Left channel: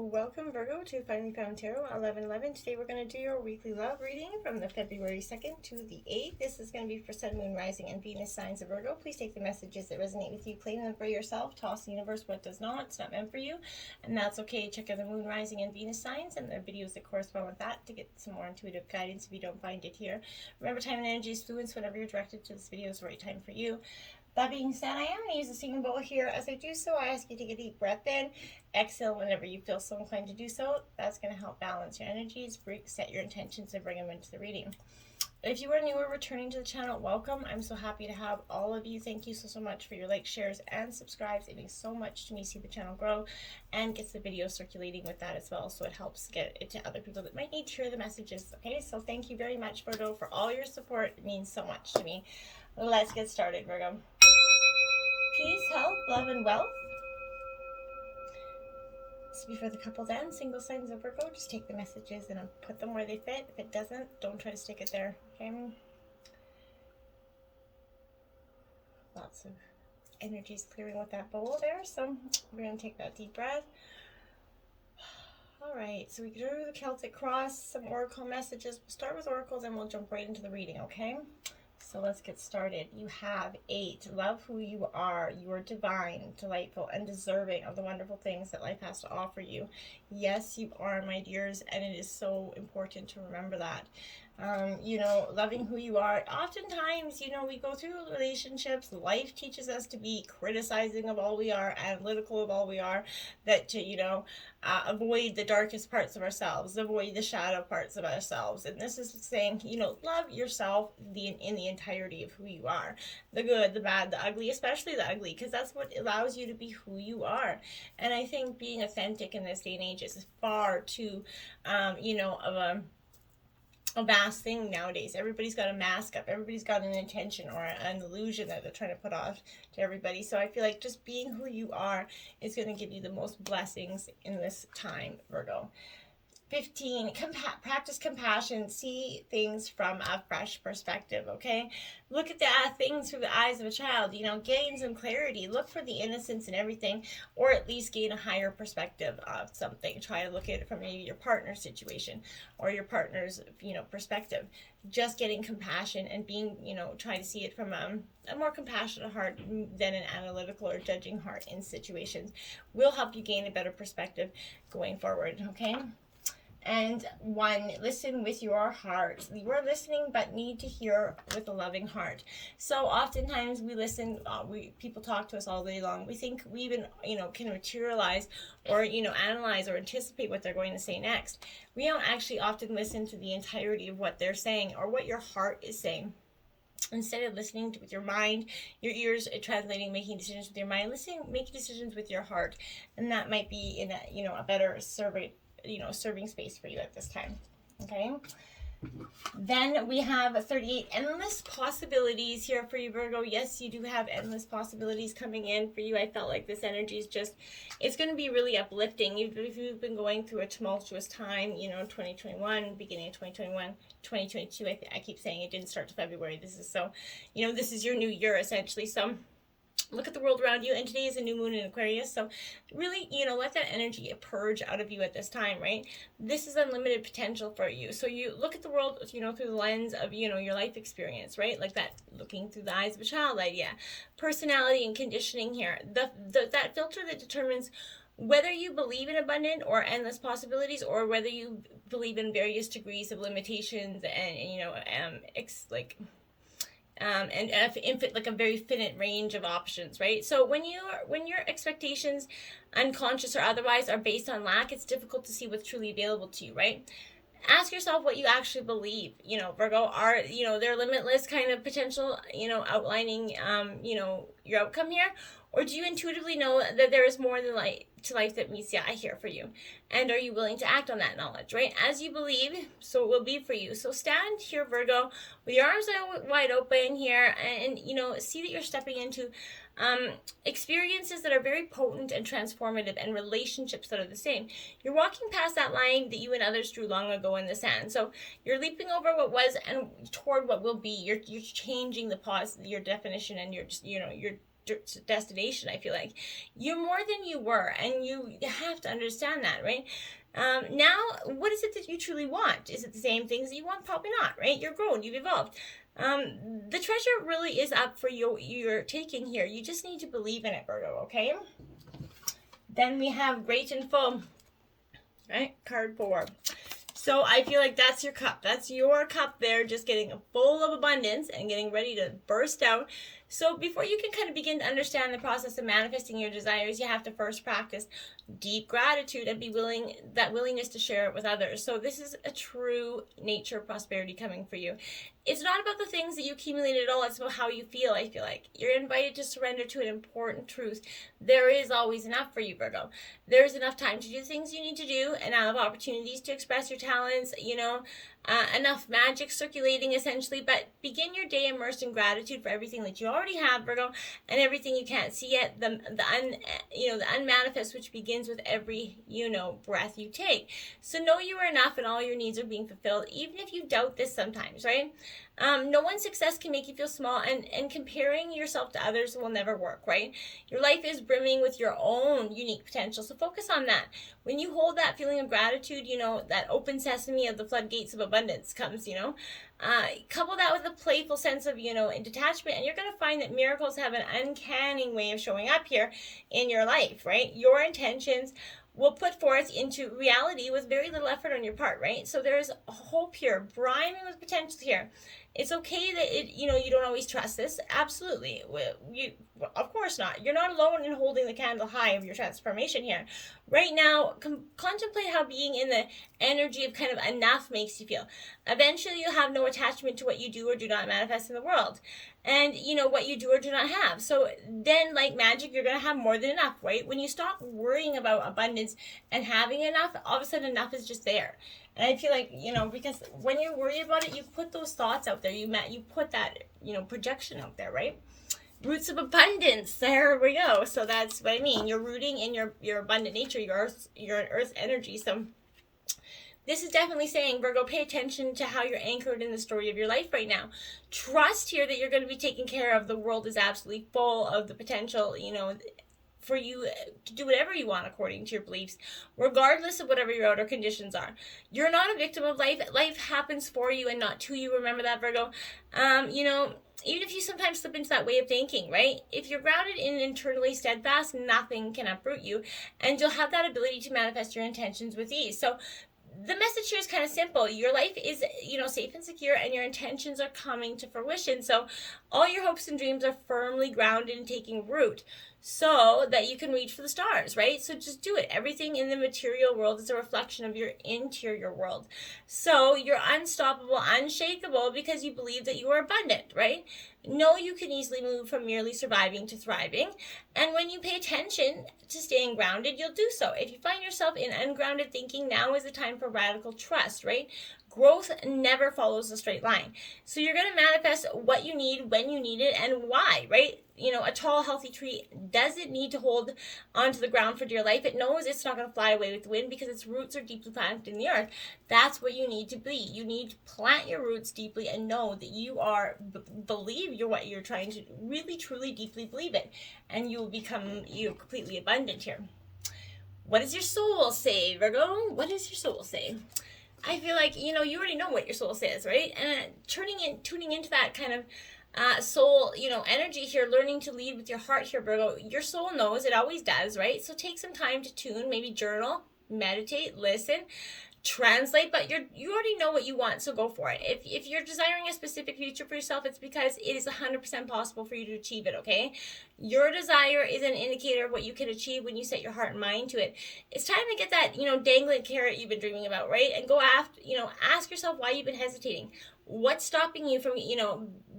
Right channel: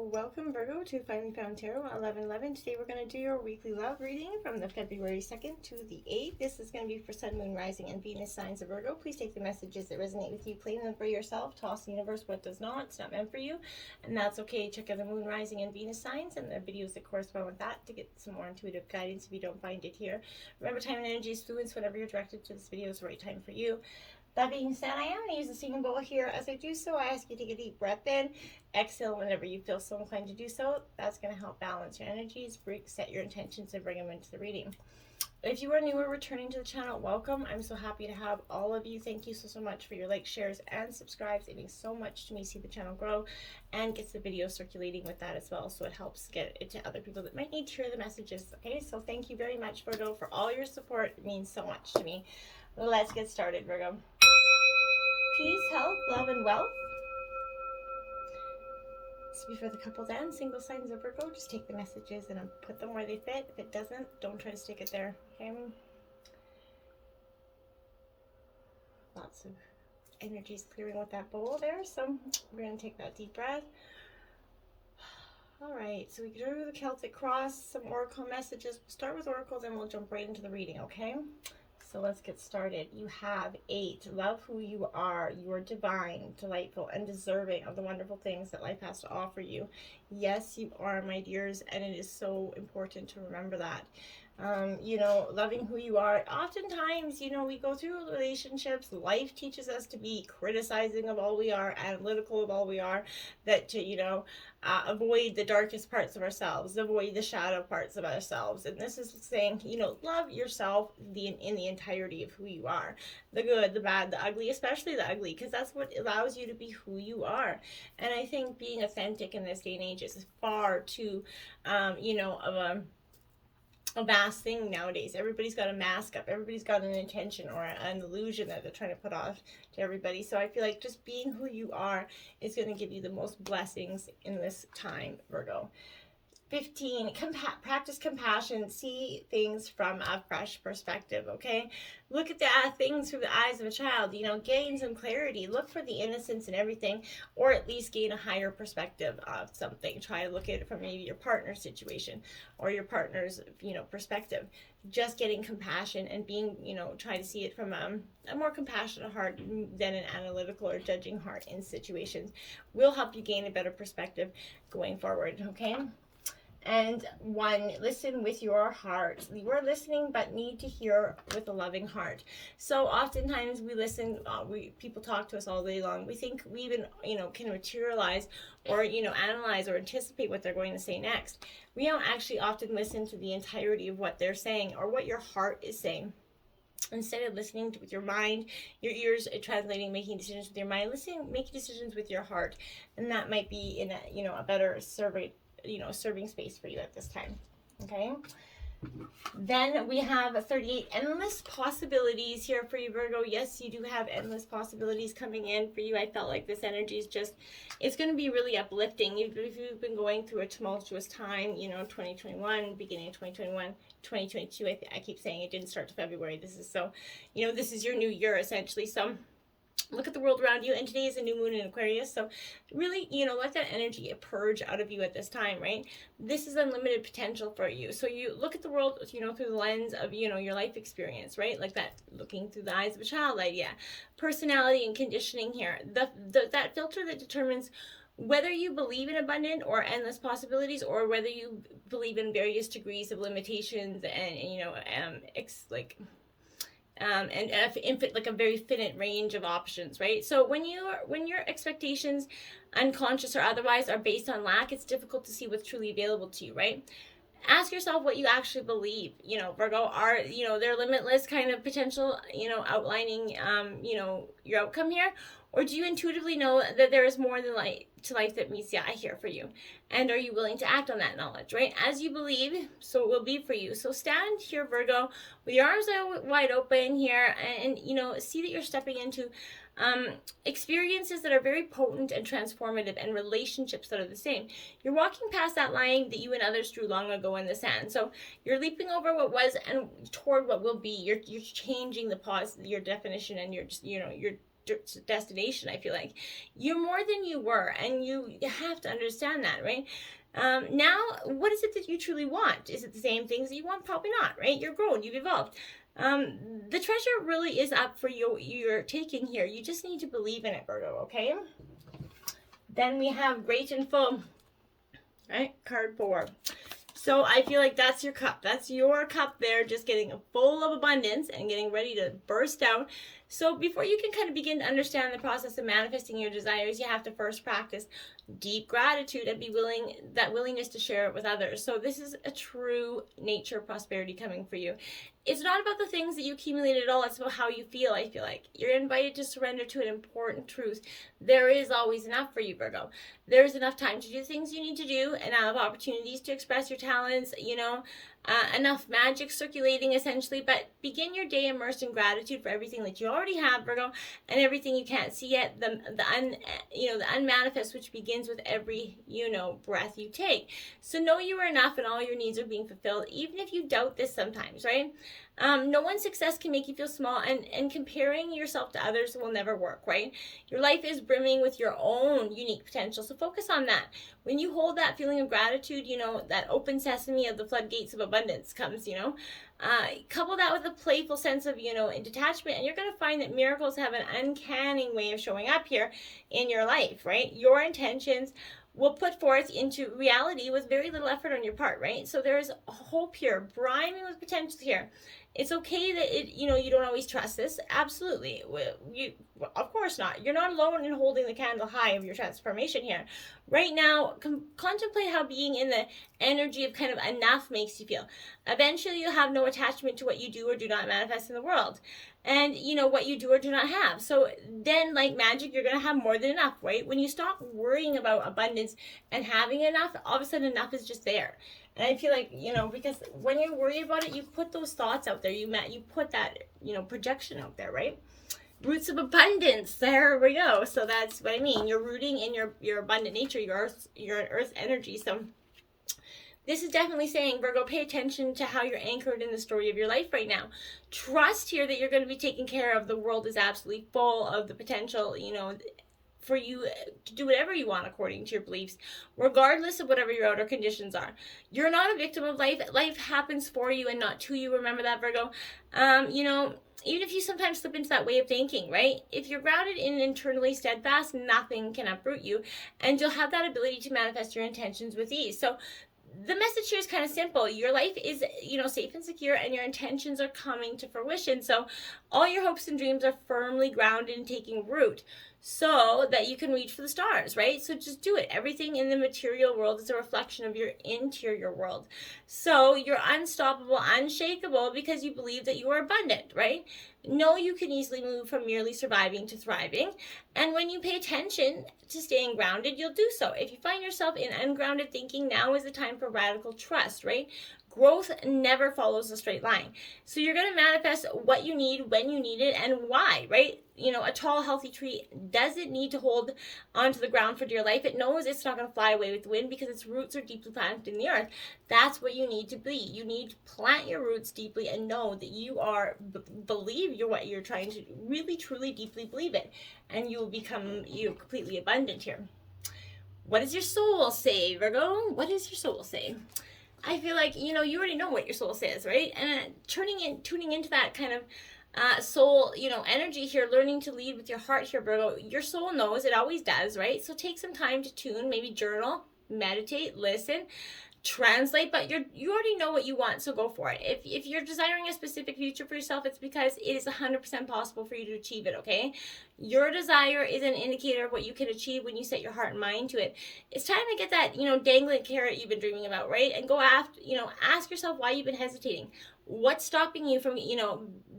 Welcome Virgo to Finally Found Tarot 1111. Today we're going to do your weekly love reading from the February 2nd to the 8th. This is going to be for Sun, Moon, Rising, and Venus signs of Virgo. Please take the messages that resonate with you, claim them for yourself, toss the universe what does not. It's not meant for you, and that's okay. Check out the Moon, Rising, and Venus signs and the videos that correspond with that to get some more intuitive guidance if you don't find it here. Remember, time and energy is fluid, so whenever you're directed to this video is the right time for you. That being said, I am going to use a singing bowl here. As I do so, I ask you to take a deep breath in, exhale whenever you feel so inclined to do so. That's going to help balance your energies, set your intentions, and bring them into the reading. If you are new or returning to the channel, welcome. I'm so happy to have all of you. Thank you so much for your likes, shares, and subscribes. It means so much to me, see the channel grow, and gets the video circulating with that as well, so it helps get it to other people that might need to hear the messages. Okay, so thank you very much, Virgo, for all your support. It means so much to me. Let's get started, Virgo. Peace, health, love, and wealth. This will be for the couples and single signs of Virgo. Just take the messages and put them where they fit. If it doesn't, don't try to stick it there. Okay? Lots of energies clearing with that bowl there. So we're going to take that deep breath. All right, so we drew the Celtic cross, some oracle messages. We'll start with oracles and we'll jump right into the reading, okay? So let's get started. You have 8. Love who you are. You are divine, delightful, and deserving of the wonderful things that life has to offer you. Yes, you are, my dears, and it is so important to remember that. Loving who you are. Oftentimes, we go through relationships. Life teaches us to be criticizing of all we are, analytical of all we are, that to, avoid the darkest parts of ourselves, avoid the shadow parts of ourselves. And this is saying, love yourself in the entirety of who you are. The good, the bad, the ugly, especially the ugly, because that's what allows you to be who you are. And I think being authentic in this day and age is far too, of a vast thing nowadays. Everybody's got a mask up. Everybody's got an intention or an illusion that they're trying to put off to everybody. So I feel like just being who you are is going to give you the most blessings in this time, Virgo. 15, practice compassion. See things from a fresh perspective, okay? Look at the things through the eyes of a child, gain some clarity. Look for the innocence in everything, or at least gain a higher perspective of something. Try to look at it from maybe your partner's situation or your partner's, perspective. Just getting compassion and being, try to see it from a more compassionate heart than an analytical or judging heart in situations will help you gain a better perspective going forward, okay? And 1, listen with your heart. You are listening, but need to hear with a loving heart. So oftentimes we listen, people talk to us all day long. We think we even, can materialize or, analyze or anticipate what they're going to say next. We don't actually often listen to the entirety of what they're saying or what your heart is saying. Instead of listening with your mind, your ears translating, making decisions with your mind, making decisions with your heart. And that might be in a better serving space for you at this time. Okay, then we have 38 endless possibilities here for you, Virgo. Yes, you do have endless possibilities coming in for you. I felt like this energy is it's going to be really uplifting. Even if you've been going through a tumultuous time, 2021, beginning of 2021, 2022, I keep saying it didn't start to February. This is your new year essentially. So look at the world around you, and today is a new moon in Aquarius, so really, let that energy purge out of you at this time, right? This is unlimited potential for you. So you look at the world, through the lens of, your life experience, right? Like that, looking through the eyes of a child idea. Personality and conditioning here. That filter that determines whether you believe in abundant or endless possibilities, or whether you believe in various degrees of limitations and like a very finite range of options, right? So when your expectations, unconscious or otherwise, are based on lack, it's difficult to see what's truly available to you, right? Ask yourself what you actually believe. Virgo, are there limitless kind of potential, outlining your outcome here, or do you intuitively know that there is more than to life that meets the eye here for you? And are you willing to act on that knowledge, right? As you believe, so it will be for you. So stand here, Virgo, with your arms wide open here, and see that you're stepping into experiences that are very potent and transformative, and relationships that are the same. You're walking past that line that you and others drew long ago in the sand. So you're leaping over what was and toward what will be. You're changing your definition, and you're destination. I feel like you're more than you were, and you have to understand that, right? Now, what is it that you truly want? Is it the same things that you want? Probably not, right? You're grown, you've evolved. The treasure really is up for you. You're taking here. You just need to believe in it, Virgo, okay? Then we have Great and Full, right? Card 4. So I feel like that's your cup. That's your cup there, just getting full of abundance and getting ready to burst out. So before you can kind of begin to understand the process of manifesting your desires, you have to first practice deep gratitude and be willingness to share it with others. So this is a true nature prosperity coming for you. It's not about the things that you accumulated at all. It's about how you feel. I feel like you're invited to surrender to an important truth. There is always enough for you, Virgo. There's enough time to do things you need to do, and enough opportunities to express your talents, enough magic circulating essentially. But begin your day immersed in gratitude for everything that you already have, Virgo, and everything you can't see yet, the unmanifest, which begins with every breath you take. So know you are enough, and all your needs are being fulfilled, even if you doubt this sometimes, right? No one's success can make you feel small, and comparing yourself to others will never work, right? Your life is brimming with your own unique potential, so focus on that. When you hold that feeling of gratitude, that open sesame of the floodgates of abundance comes, couple that with a playful sense of, detachment, and you're going to find that miracles have an uncanny way of showing up here in your life, right? Your intentions will put forth into reality with very little effort on your part, right? So there's hope here, brimming with potential here. It's okay that you don't always trust this. Absolutely. Of course not. You're not alone in holding the candle high of your transformation here. Right now, contemplate how being in the energy of kind of enough makes you feel. Eventually, you'll have no attachment to what you do or do not manifest in the world. And, what you do or do not have. So then, like magic, you're going to have more than enough, right? When you stop worrying about abundance and having enough, all of a sudden enough is just there. And I feel like, because when you worry about it, you put those thoughts out there. You put that, projection out there, right? Roots of abundance. There we go. So that's what I mean. You're rooting in your abundant nature, your earth energy. So this is definitely saying, Virgo, pay attention to how you're anchored in the story of your life right now. Trust here that you're going to be taken care of. The world is absolutely full of the potential, for you to do whatever you want according to your beliefs, regardless of whatever your outer conditions are. You're not a victim of life. Life happens for you and not to you. Remember that, Virgo. Even if you sometimes slip into that way of thinking, right? If you're grounded in internally steadfast, nothing can uproot you, and you'll have that ability to manifest your intentions with ease. So the message here is kind of simple. Your life is, safe and secure, and your intentions are coming to fruition. So all your hopes and dreams are firmly grounded and taking root so that you can reach for the stars, right? So just do it. Everything in the material world is a reflection of your interior world. So you're unstoppable, unshakable, because you believe that you are abundant, right? Know you can easily move from merely surviving to thriving. And when you pay attention to staying grounded, you'll do so. If you find yourself in ungrounded thinking, now is the time for radical trust, right? Growth never follows a straight line. So you're going to manifest what you need, when you need it, and why, right? A tall, healthy tree doesn't need to hold onto the ground for dear life. It knows it's not going to fly away with the wind because its roots are deeply planted in the earth. That's what you need to be. You need to plant your roots deeply and know that you are, believe you're what you're trying to really, truly, deeply believe it. And you will become completely abundant here. What does your soul say, Virgo? What does your soul say? I feel like, you already know what your soul says, right? And tuning into that kind of soul, energy here, learning to lead with your heart here, Virgo. Your soul knows, it always does, right? So take some time to tune, maybe journal, meditate, listen, translate, but you already know what you want, so go for it. If you're desiring a specific future for yourself, it's because it is 100% possible for you to achieve it, okay? Your desire is an indicator of what you can achieve when you set your heart and mind to it. It's time to get that, dangling carrot you've been dreaming about, right? And go after, ask yourself why you've been hesitating. What's stopping you from,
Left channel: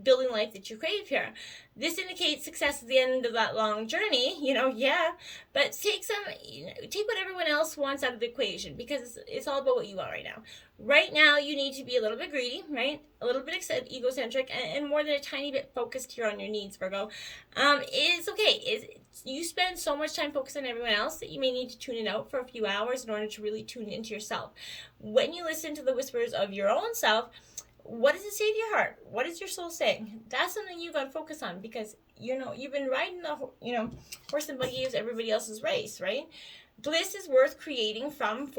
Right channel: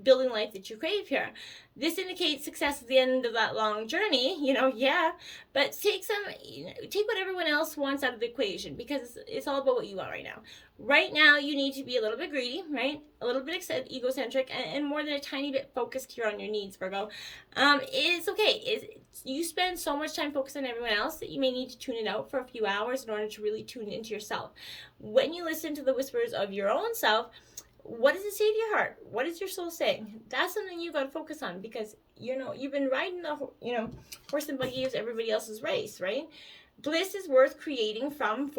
building life that you crave here? This indicates success at the end of that long journey, yeah. But take what everyone else wants out of the equation, because it's all about what you want right now. Right now, you need to be a little bit greedy, right? A little bit egocentric, and more than a tiny bit focused here on your needs, Virgo. It's okay. You spend so much time focused on everyone else that you may need to tune it out for a few hours in order to really tune into yourself. When you listen to the whispers of your own self, what does it say to your heart? What is your soul saying? That's something you got to focus on, because, you've been riding the, horse and buggy is everybody else's race, right? Bliss is worth creating from.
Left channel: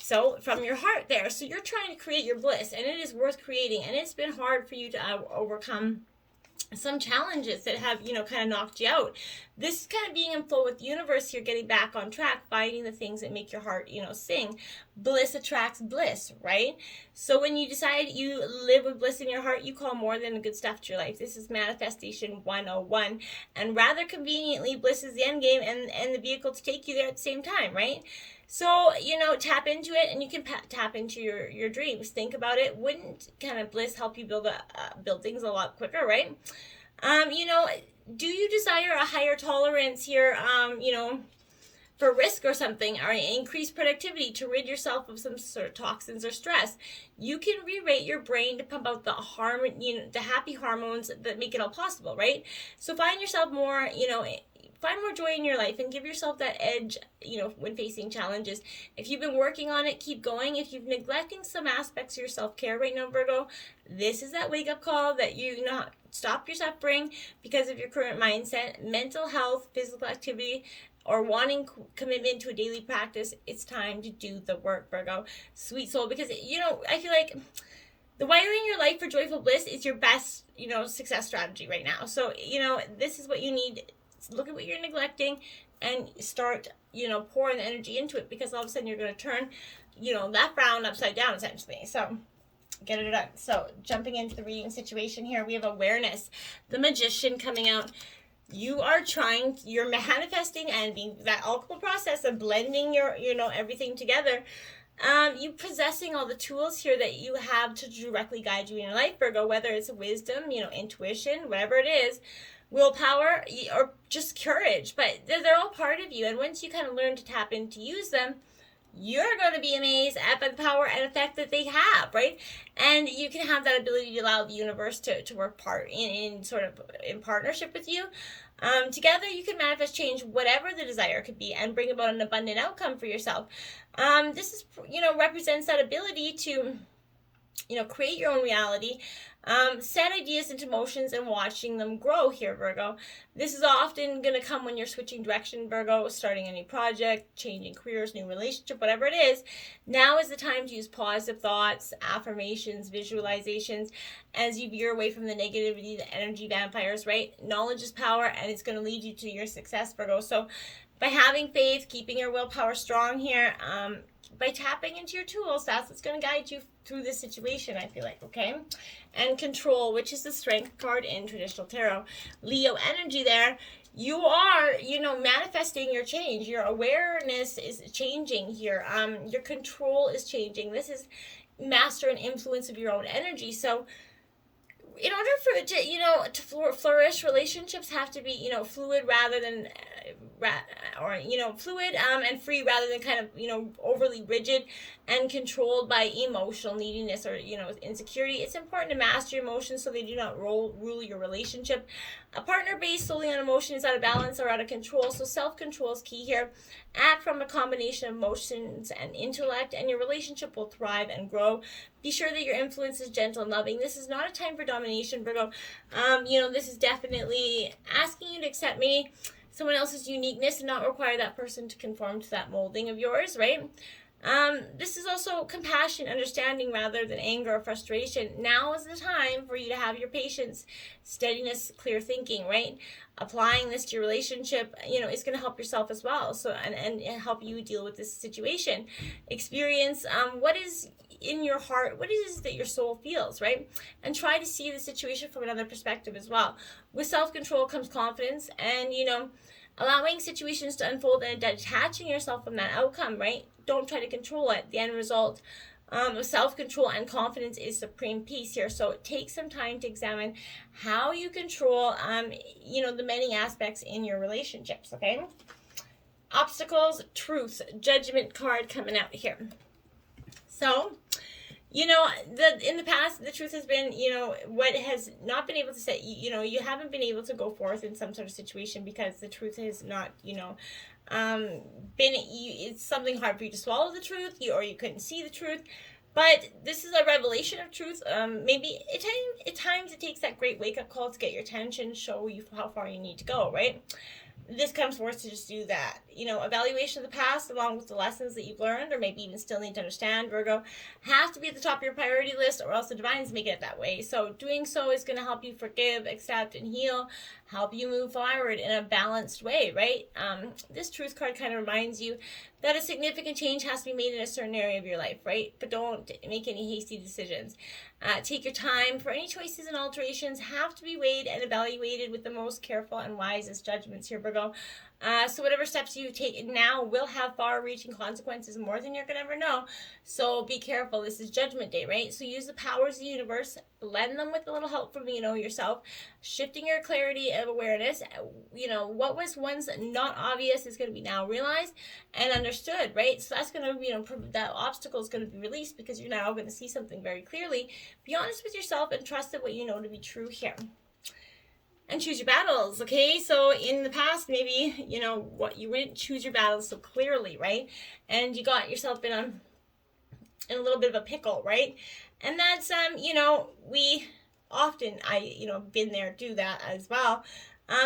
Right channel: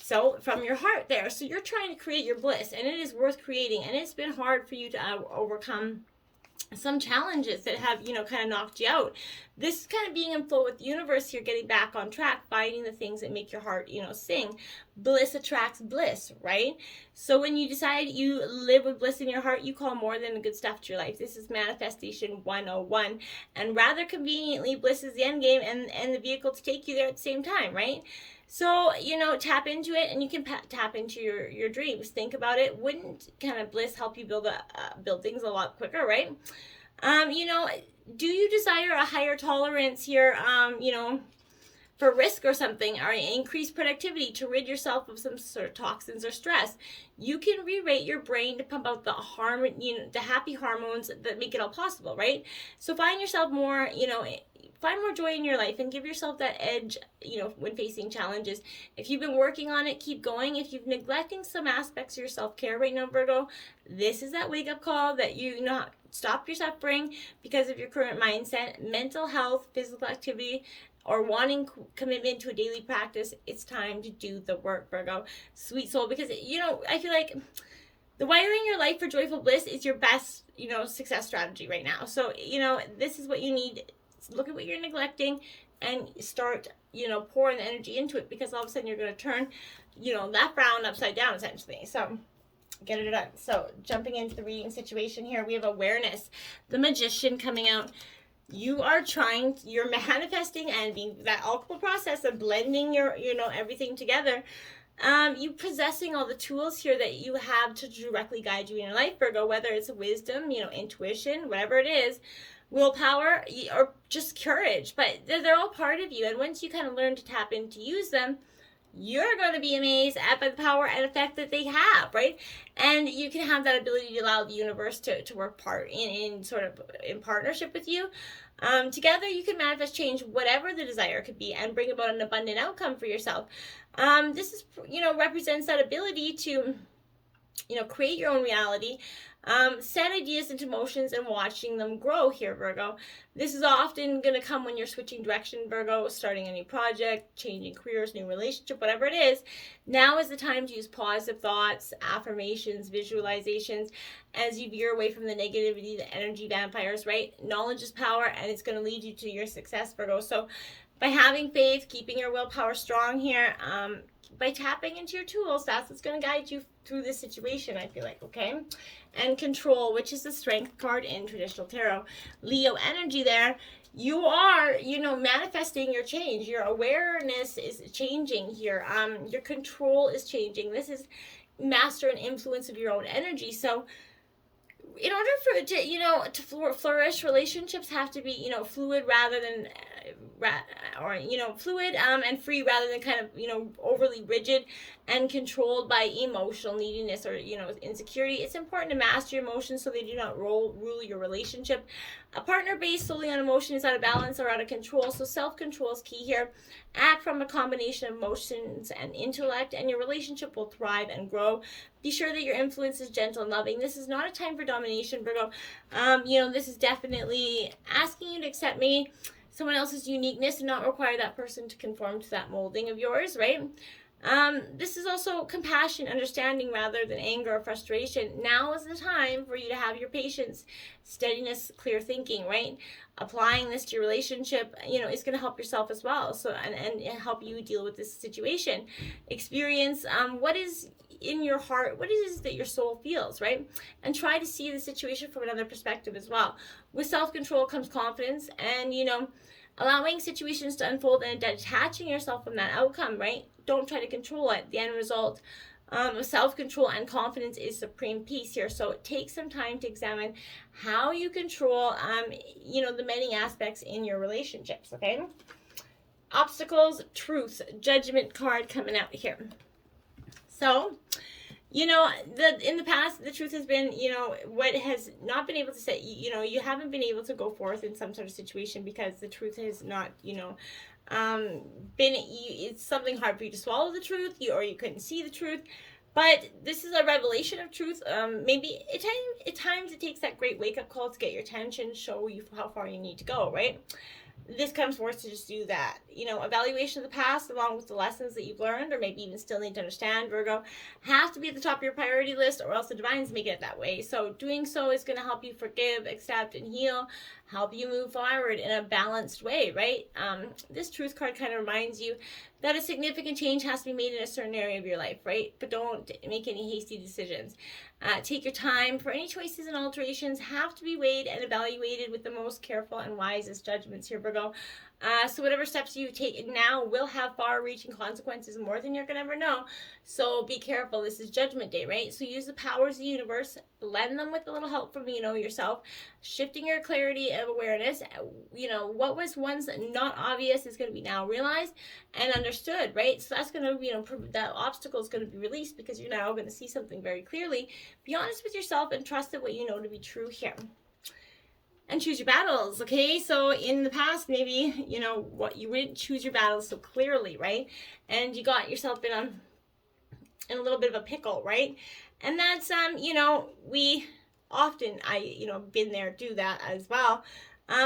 So from your heart there. So you're trying to create your bliss, and it is worth creating. And it's been hard for you to overcome some challenges that have, kind of knocked you out. This is kind of being in flow with the universe here, getting back on track, finding the things that make your heart, sing. Bliss attracts bliss, right? So when you decide you live with bliss in your heart, you call more than good stuff to your life. This is manifestation 101. And rather conveniently, bliss is the end game and the vehicle to take you there at the same time, right? So, tap into it, and you can tap into your dreams. Think about it. Wouldn't kind of bliss help you build things a lot quicker, right? Do you desire a higher tolerance here, for risk or something, or increased productivity to rid yourself of some sort of toxins or stress? You can rewrite your brain to pump out the happy hormones that make it all possible, right? So find yourself more, find more joy in your life, and give yourself that edge, when facing challenges. If you've been working on it, keep going. If you've neglecting some aspects of your self-care right now, Virgo, this is that wake-up call that stop your suffering because of your current mindset, mental health, physical activity, or wanting commitment to a daily practice. It's time to do the work, Virgo. Sweet soul, because, I feel like the wiring your life for joyful bliss is your best, success strategy right now. So, this is what you need. Look at what you're neglecting and start, pouring the energy into it, because all of a sudden you're going to turn, that frown upside down, essentially. So get it done. So jumping into the reading situation here, we have awareness. The Magician coming out. You're manifesting and being that alchemical process of blending your, everything together. You possessing all the tools here that you have to directly guide you in your life, Virgo, whether it's wisdom, intuition, whatever it is, willpower, or just courage. But they're all part of you. And once you kind of learn to tap in to use them, you're going to be amazed at the power and effect that they have, right? And you can have that ability to allow the universe to work in partnership with you. Together, you can manifest change, whatever the desire could be, and bring about an abundant outcome for yourself. This is, represents that ability to, create your own reality, set ideas into motions and watching them grow here, Virgo. This is often going to come when you're switching direction, Virgo, starting a new project, changing careers, new relationship, whatever it is. Now is the time to use positive thoughts, affirmations, visualizations, as you veer away from the negativity, the energy vampires, right? Knowledge is power, and it's going to lead you to your success, Virgo. So by having faith, keeping your willpower strong here, by tapping into your tools, that's what's going to guide you through this situation, I feel like, okay? And control, which is the strength card in traditional tarot. Leo energy there. You are, manifesting your change. Your awareness is changing here. Your control is changing. This is master and influence of your own energy. So in order for it to, to flourish, relationships have to be, fluid rather than fluid and free rather than kind of, overly rigid and controlled by emotional neediness or, insecurity. It's important to master your emotions so they do not rule your relationship. A partner based solely on emotion is out of balance or out of control, so self-control is key here. Act from a combination of emotions and intellect, and your relationship will thrive and grow. Be sure that your influence is gentle and loving. This is not a time for domination, Virgo. This is definitely asking you to accept maybe someone else's uniqueness and not require that person to conform to that molding of yours, right? This is also compassion, understanding rather than anger or frustration. Now is the time for you to have your patience, steadiness, clear thinking, right? Applying this to your relationship, is going to help yourself as well. So, and help you deal with this situation. Experience, what is in your heart, what is it that your soul feels, right? And try to see the situation from another perspective as well. With self-control comes confidence and, allowing situations to unfold and detaching yourself from that outcome, right? Don't try to control it. The end result with self-control and confidence is supreme peace here. So take some time to examine how you control, the many aspects in your relationships, okay? Obstacles, truth, judgment card coming out here. So, in the past, the truth has been, what has not been able to say, you haven't been able to go forth in some sort of situation because the truth has not, it's something hard for you to swallow the truth, or you couldn't see the truth. But this is a revelation of truth. Maybe at times it takes that great wake-up call to get your attention, show you how far you need to go, right? This comes forth to just do that. Evaluation of the past along with the lessons that you've learned, or maybe even still need to understand, Virgo, have to be at the top of your priority list, or else the divine's making it that way. So doing so is going to help you forgive, accept, and heal, help you move forward in a balanced way, right? This truth card kind of reminds you that a significant change has to be made in a certain area of your life, right? But don't make any hasty decisions. Take your time, for any choices and alterations have to be weighed and evaluated with the most careful and wisest judgments here, Virgo. So whatever steps you take now will have far-reaching consequences, more than you're going to ever know. So be careful. This is Judgment Day, right? So use the powers of the universe, blend them with a little help from yourself, shifting your clarity of awareness. What was once not obvious is going to be now realized and understood, right? So that's going to, that obstacle is going to be released because you're now going to see something very clearly. Be honest with yourself and trust that what you know to be true here. And choose your battles, okay? So in the past, maybe, what you didn't choose your battles so clearly, right? And you got yourself in a little bit of a pickle, right? And that's, we often, been there, do that as well.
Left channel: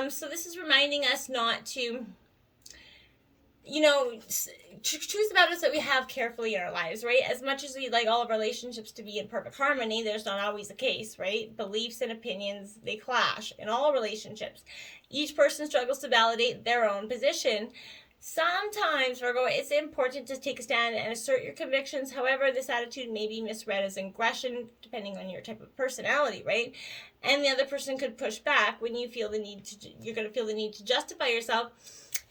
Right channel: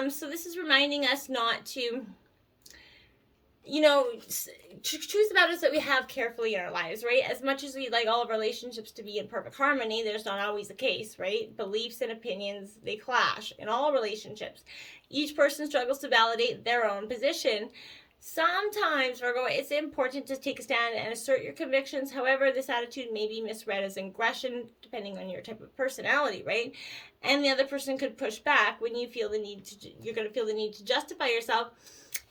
So this is reminding us not to, choose the battles that we have carefully in our lives, right? As much as we'd like all of our relationships to be in perfect harmony, there's not always the case, right? Beliefs and opinions, they clash in all relationships. Each person struggles to validate their own position. Sometimes, Virgo, it's important to take a stand and assert your convictions. However, this attitude may be misread as aggression, depending on your type of personality, right? And the other person could push back when you're going to feel the need to justify yourself.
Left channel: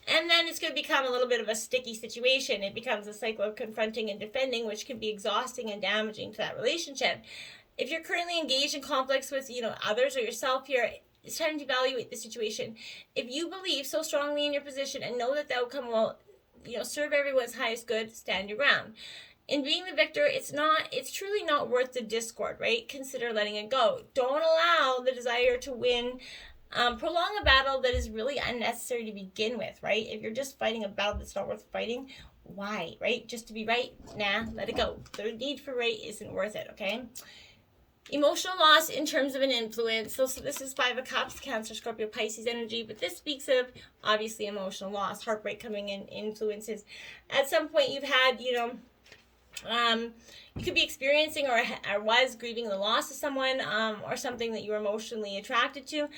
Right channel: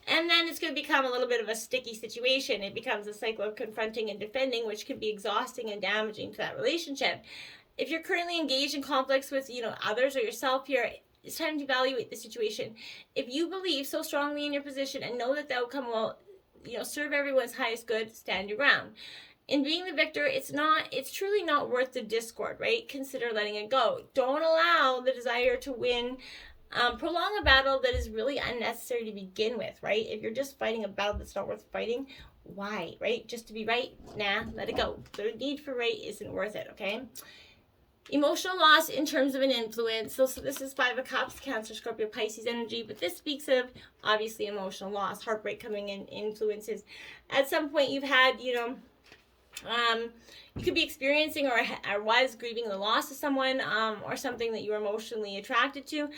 And then it's going to become a little bit of a sticky situation. It becomes a cycle of confronting and defending, which can be exhausting and damaging to that relationship. If you're currently engaged in conflicts with, others or yourself here, it's time to evaluate the situation. If you believe so strongly in your position and know that the outcome will, serve everyone's highest good, stand your ground. In being the victor, it's truly not worth the discord, right? Consider letting it go. Don't allow the desire to win prolong a battle that is really unnecessary to begin with, right? If you're just fighting a battle that's not worth fighting, why, right? Just to be right? Nah, let it go. The need for right isn't worth it, okay? Emotional loss in terms of an influence. So this is 5 of Cups, Cancer, Scorpio, Pisces energy, but this speaks of, obviously, emotional loss, heartbreak coming in, influences. At some point you've had, you could be experiencing or was grieving the loss of someone or something that you were emotionally attracted to.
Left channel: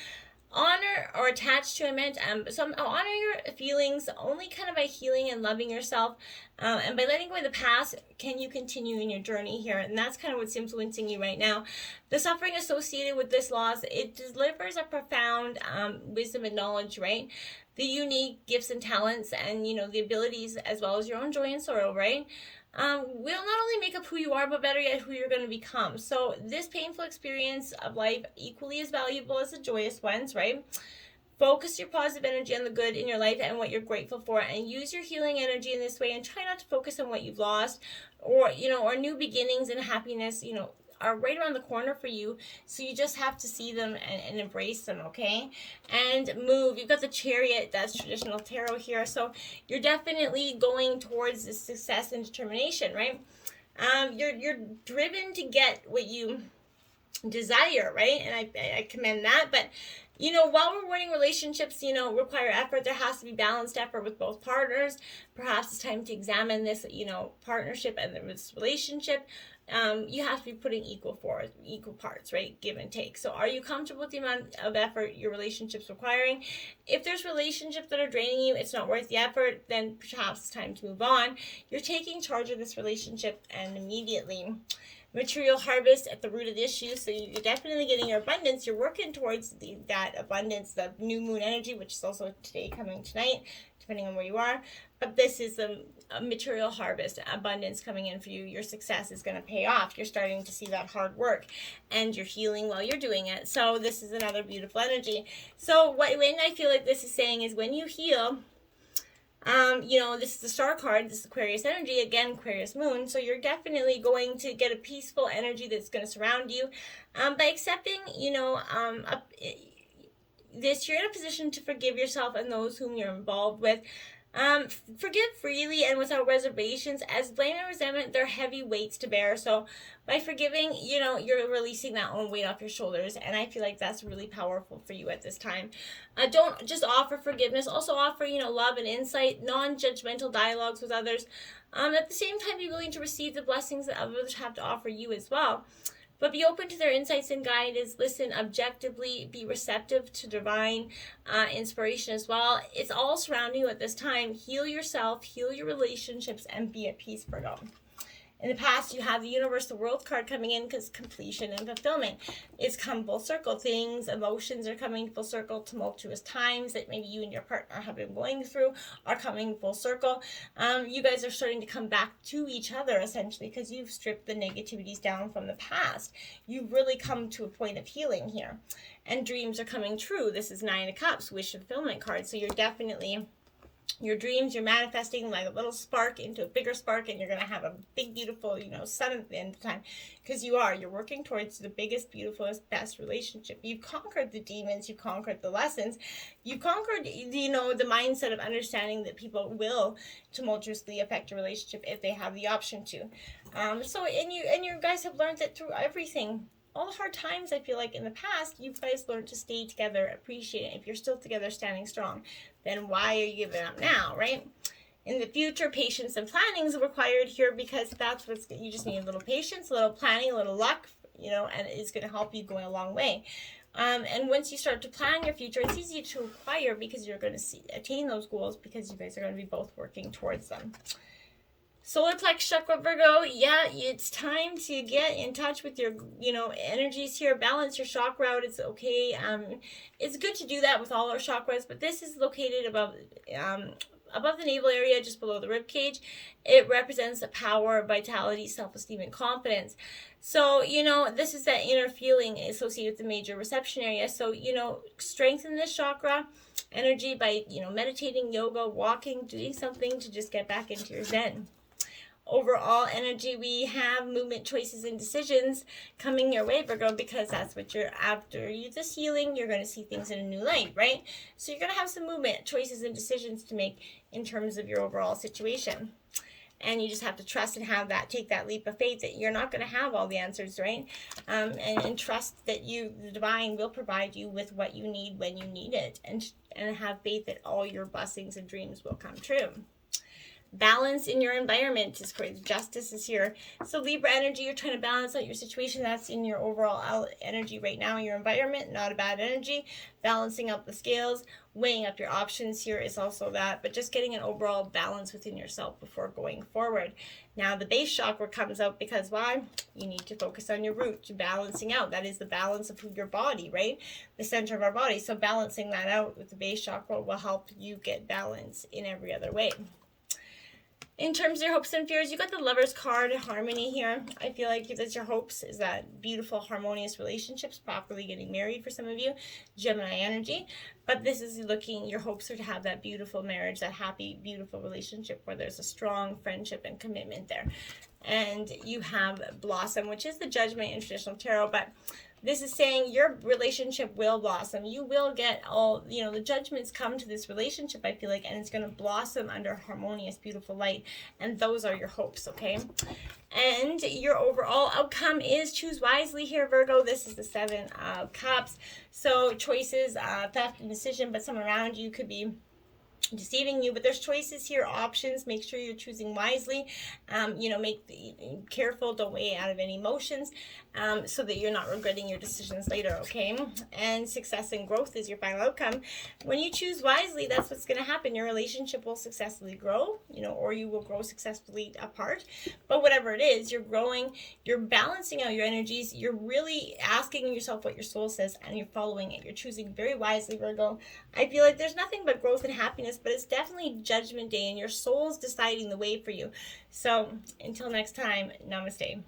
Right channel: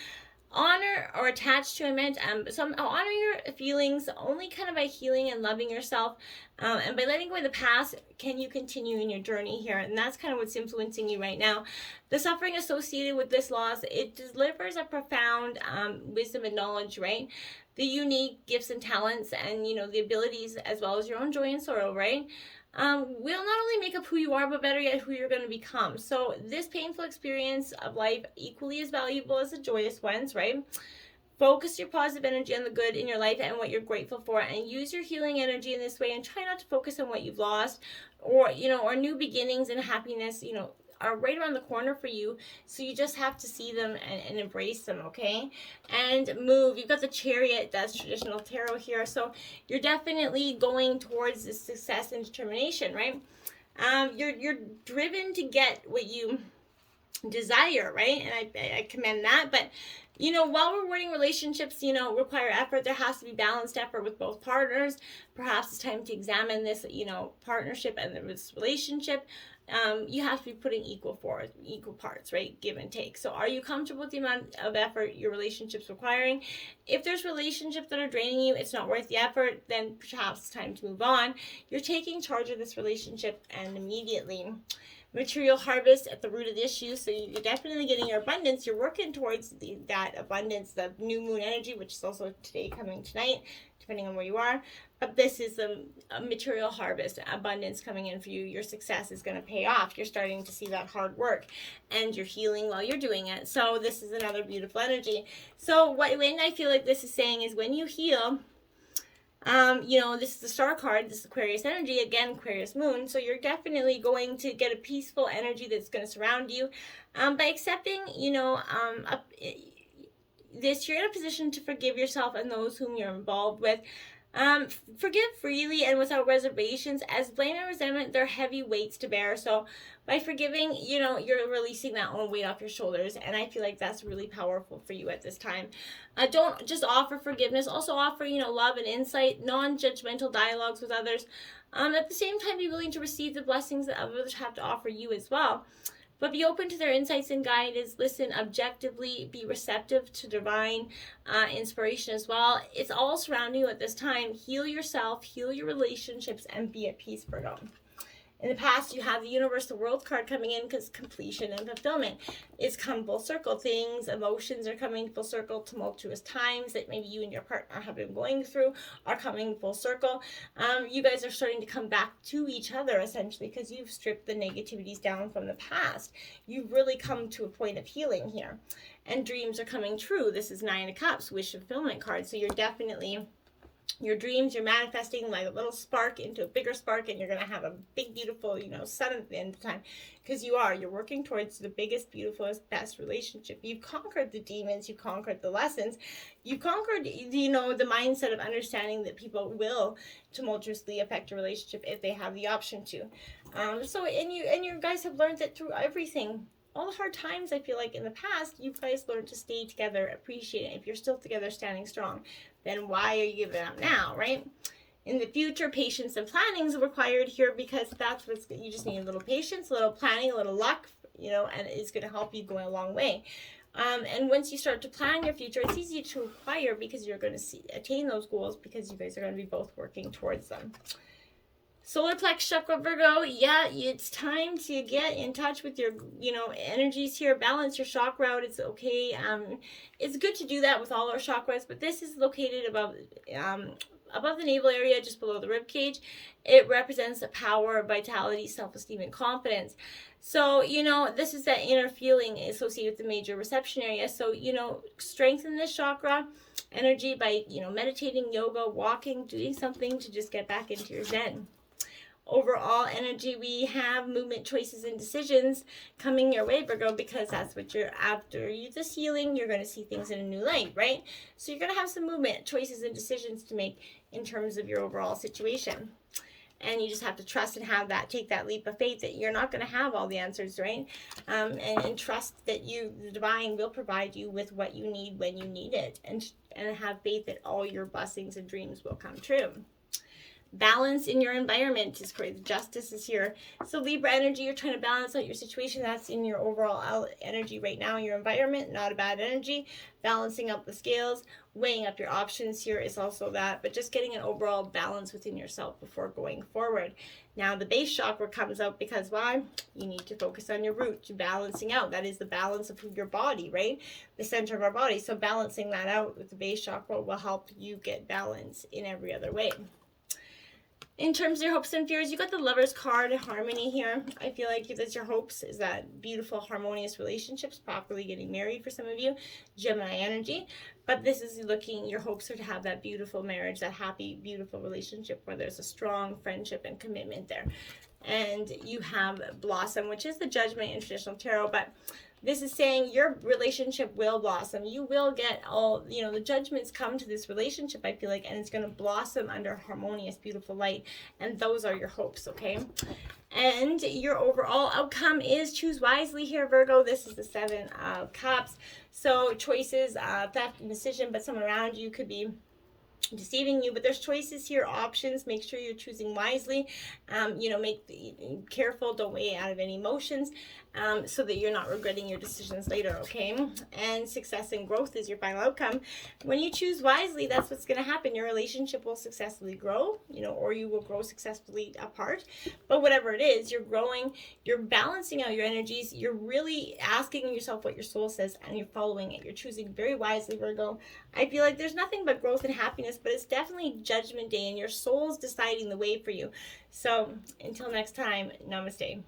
Honor or attached to, so honor your feelings only kind of by healing and loving yourself, and by letting go of the past can you continue in your journey here, and that's kind of what's influencing you right now. The suffering associated with this loss, it delivers a profound wisdom and knowledge, right? The unique gifts and talents and the abilities as well as your own joy and sorrow, right? Will not only make up who you are, but better yet, who you're going to become. So this painful experience of life equally as valuable as the joyous ones, right? Focus your positive energy on the good in your life and what you're grateful for, and use your healing energy in this way, and try not to focus on what you've lost or new beginnings and happiness, are right around the corner for you. So you just have to see them and embrace them, okay? And move. You've got the Chariot, that's traditional tarot here. So you're definitely going towards the success and determination, right? You're driven to get what you desire, right? And I commend that. But while rewarding relationships, require effort, there has to be balanced effort with both partners. Perhaps it's time to examine this, partnership and this relationship. You have to be putting equal parts, right? Give and take. So are you comfortable with the amount of effort your relationship's requiring? If there's relationships that are draining you, it's not worth the effort, then perhaps it's time to move on. You're taking charge of this relationship and immediately. Material harvest at the root of the issue. So you're definitely getting your abundance. You're working towards that abundance, the new moon energy, which is also today, coming tonight, depending on where you are. But this is the material harvest, abundance coming in for you. Your success is going to pay off. You're starting to see that hard work, and you're healing while you're doing it. So this is another beautiful energy. So when I feel like this is saying is when you heal, this is the star card, this is Aquarius energy, again, Aquarius moon. So you're definitely going to get a peaceful energy that's going to surround you. By accepting, this, you're in a position to forgive yourself and those whom you're involved with. Forgive freely and without reservations, as blame and resentment, they're heavy weights to bear. So by forgiving, you're releasing that own weight off your shoulders. And I feel like that's really powerful for you at this time. Don't just offer forgiveness, also offer, love and insight, non-judgmental dialogues with others. At the same time, be willing to receive the blessings that others have to offer you as well. But be open to their insights and guidance. Listen objectively. Be receptive to divine inspiration as well. It's all surrounding you at this time. Heal yourself, heal your relationships, and be at peace, Virgo. In the past, you have the universe, the world card coming in because completion and fulfillment. It's come full circle. Things, emotions are coming full circle. Tumultuous times that maybe you and your partner have been going through are coming full circle. You guys are starting to come back to each other, essentially, because you've stripped the negativities down from the past. You've really come to a point of healing here. And dreams are coming true. This is 9 of Cups, wish fulfillment card. So you're definitely... your dreams, you're manifesting like a little spark into a bigger spark, and you're going to have a big, beautiful, sun at the end of the time, because you're working towards the biggest, beautifulest, best relationship. You've conquered the demons, you've conquered the lessons, you've conquered, the mindset of understanding that people will tumultuously affect a relationship if they have the option to. And you guys have learned that through everything. All the hard times, I feel like, in the past, you guys learned to stay together, appreciate it. If you're still together, standing strong, then why are you giving up now, right? In the future, patience and planning is required here, because that's you just need a little patience, a little planning, a little luck, and it's going to help you going a long way. And once you start to plan your future, it's easy to acquire, because you're going to attain those goals, because you guys are going to be both working towards them. Solar Plex Chakra, Virgo, yeah, it's time to get in touch with your, energies here. Balance your chakra out. It's okay. It's good to do that with all our chakras, but this is located above the navel area, just below the rib cage. It represents the power, vitality, self-esteem, and confidence. So, this is that inner feeling associated with the major reception area. So, strengthen this chakra energy by, meditating, yoga, walking, doing something to just get back into your zen. Overall energy, we have movement, choices, and decisions coming your way, Virgo, because that's what you're after. This healing, you're going to see things in a new light, right? So you're going to have some movement, choices, and decisions to make in terms of your overall situation. And you just have to trust and take that leap of faith that you're not going to have all the answers, right? And trust that the divine will provide you with what you need when you need it. And have faith that all your blessings and dreams will come true. Balance in your environment is great. Justice is here. So Libra energy, you're trying to balance out your situation. That's in your overall energy right now, your environment. Not a bad energy. Balancing out the scales, weighing up your options here is also that. But just getting an overall balance within yourself before going forward. Now the base chakra comes out because why? You need to focus on your root, balancing out. That is the balance of your body, right? The center of our body. So balancing that out with the base chakra will help you get balance in every other way. In terms of your hopes and fears, you got the Lover's card, harmony here. I feel like that's your hopes, is that beautiful, harmonious relationships, properly getting married for some of you, Gemini energy. But this is your hopes are to have that beautiful marriage, that happy, beautiful relationship where there's a strong friendship and commitment there. And you have Blossom, which is the Judgment in traditional tarot, but this is saying your relationship will blossom. You will get all, the judgments come to this relationship, I feel like, and it's going to blossom under harmonious, beautiful light. And those are your hopes, okay? And your overall outcome is choose wisely here, Virgo. This is the 7 of Cups. So choices, theft, and decision, but someone around you could be deceiving you, but there's choices here, options. Make sure you're choosing wisely. Careful, don't weigh out of any emotions, so that you're not regretting your decisions later, okay? And success and growth is your final outcome. When you choose wisely, that's what's going to happen. Your relationship will successfully grow, or you will grow successfully apart. But whatever it is, you're growing, you're balancing out your energies, you're really asking yourself what your soul says, and you're following it. You're choosing very wisely, Virgo. I feel like there's nothing but growth and happiness, but it's definitely Judgment Day, and your soul's deciding the way for you. So until next time, namaste.